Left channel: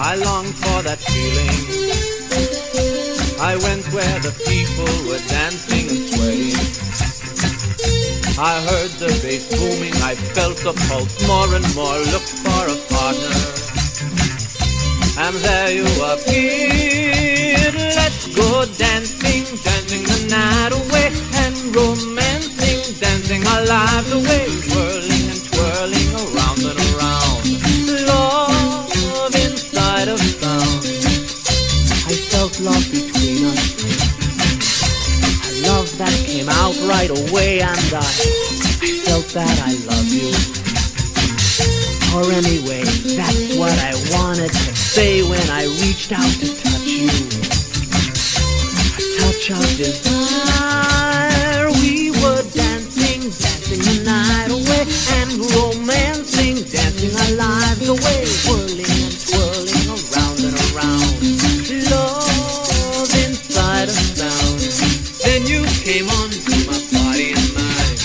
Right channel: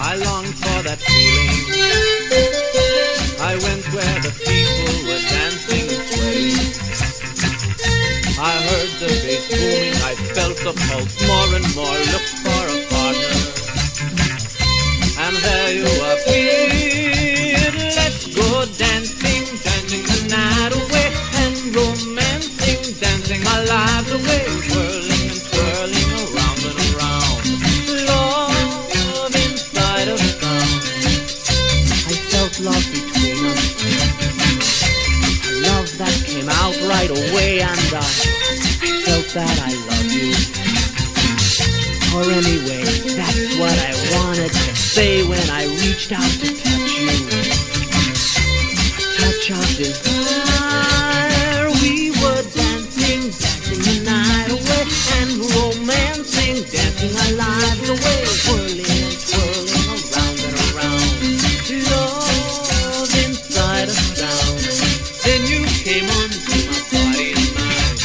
I longed for that feeling. I went where the people were dancing and swaying. I heard the bass booming, I felt the pulse more and more, looked for a partner. And there you appeared. Let's go dancing, dancing the night away, and romancing, dancing our lives away, whirling and twirling around and around. Love inside of sound. I felt love between us. Love that came out right away, and I felt that I love you. Or anyway, that's what I wanted to say when I reached out to touch you. A touch of desire. We were dancing, dancing the night away, and romancing, dancing our lives away, whirling and twirling around and around. Love inside a sound. Then you came onto my body and mind.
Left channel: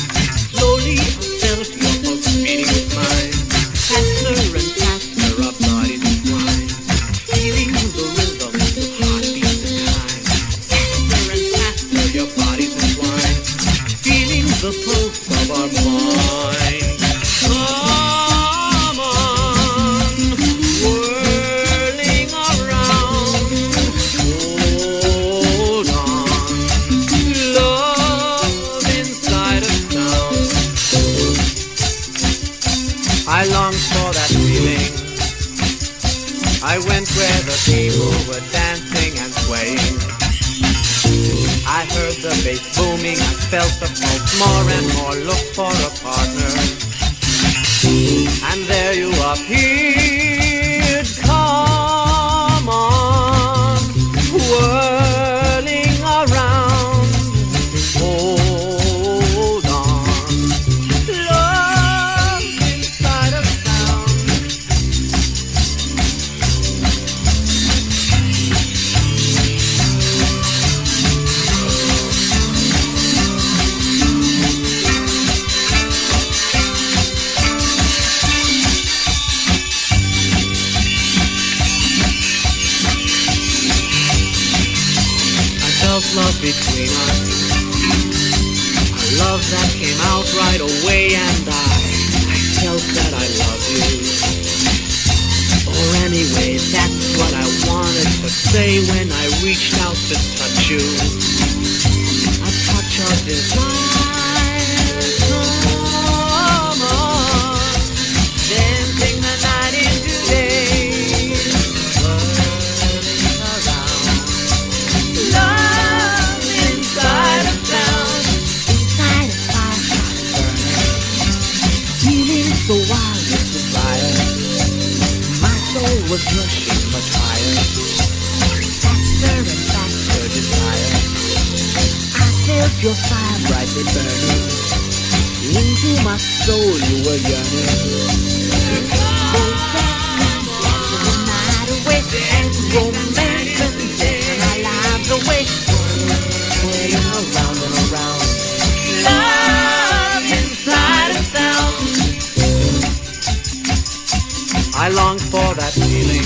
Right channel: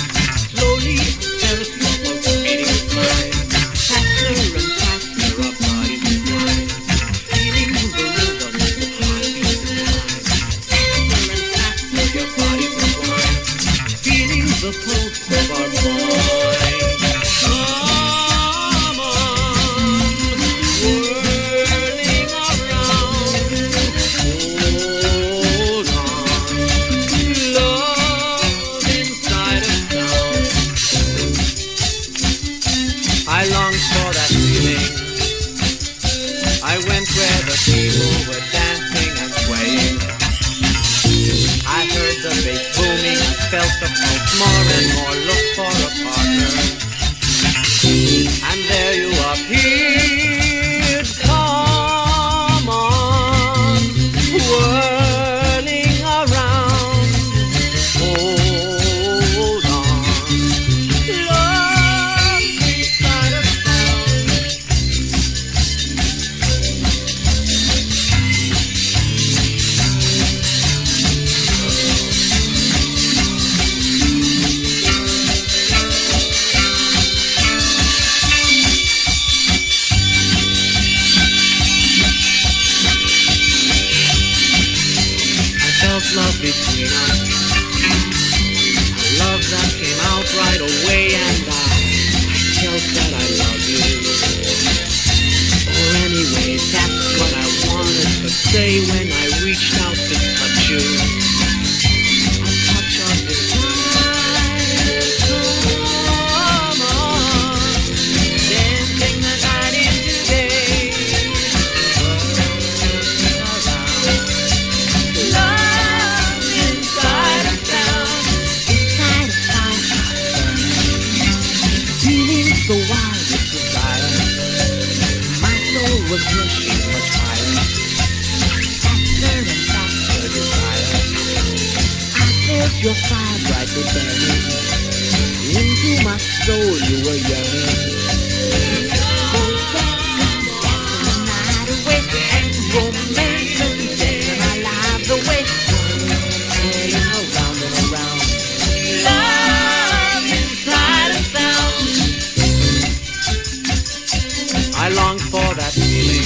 Slowly I felt your pulse beating with mine. Faster and faster our bodies entwined, feeling the rhythm of the heartbeat in time. Faster and faster your bodies entwined, feeling the pulse of our mind. Come on, whirling around. Hold on, love inside a sound. I longed for that feeling. I went where the people were dancing and swaying. I heard the bass booming, I felt the pulse more and more, looked for a partner. And there you appeared. Come on, whirling around. Hold on, love inside a sound. I felt love between us, a love that came out right away, and I felt that I love you. Or anyway, that's what I wanted to say when I reached out to touch you. A touch of desire. Come on, dancing the night into day, whirling around. Love inside a sound, inside a sound, feeling so wild with desire. My soul was rushing for fire, faster and faster desire. I felt your fire brightly burning, into my soul you were yearning. So dancing, dancing the night away, and romancing, dancing our lives away, whirling around and around. Love inside a sound. I longed for that feeling.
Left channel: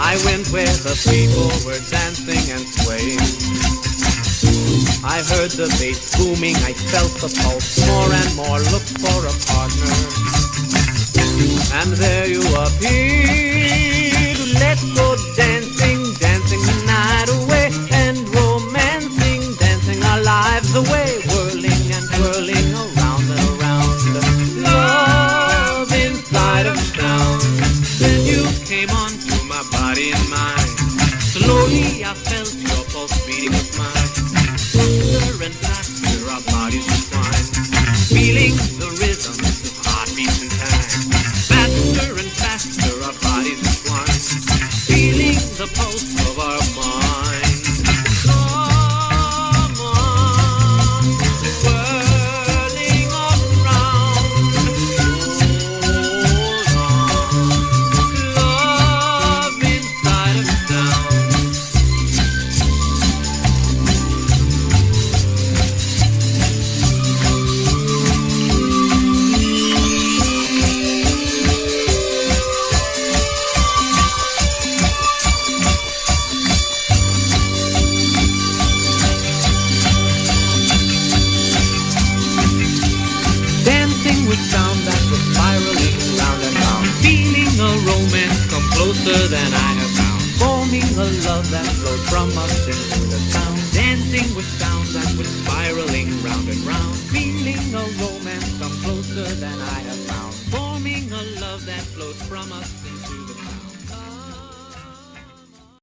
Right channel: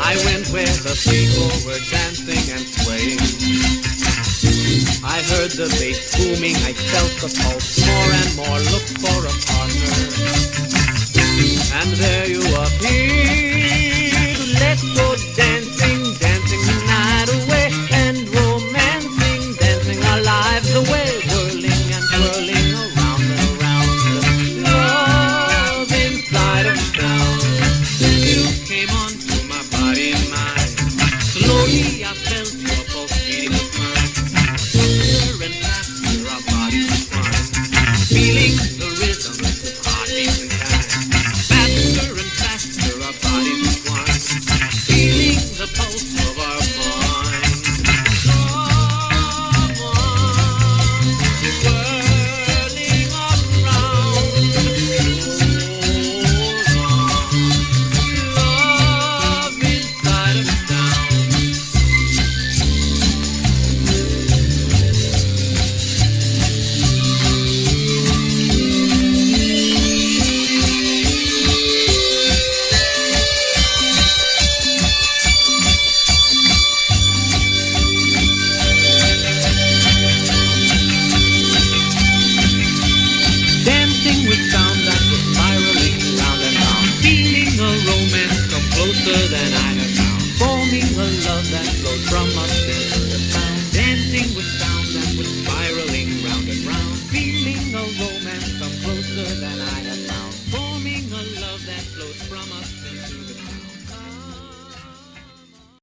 I went where the people were dancing and swaying. I heard the bass booming, I felt the pulse more and more, looked for a partner. And there you appeared. Let's go dancing, dancing the night away, and romancing, dancing our lives away, whirling and twirling around and around. Love inside of sound. Then you came onto my body and mind. Slowly I felt your pulse beating with mine. Faster and faster our bodies entwined, feeling the rhythm of heartbeats in time. Faster and closer than I have found. Forming a love that flows from us into the sound. Dancing with sounds and with spiraling round and round. Feeling a romance come closer than I have found. Forming a love that flows from us into the sound.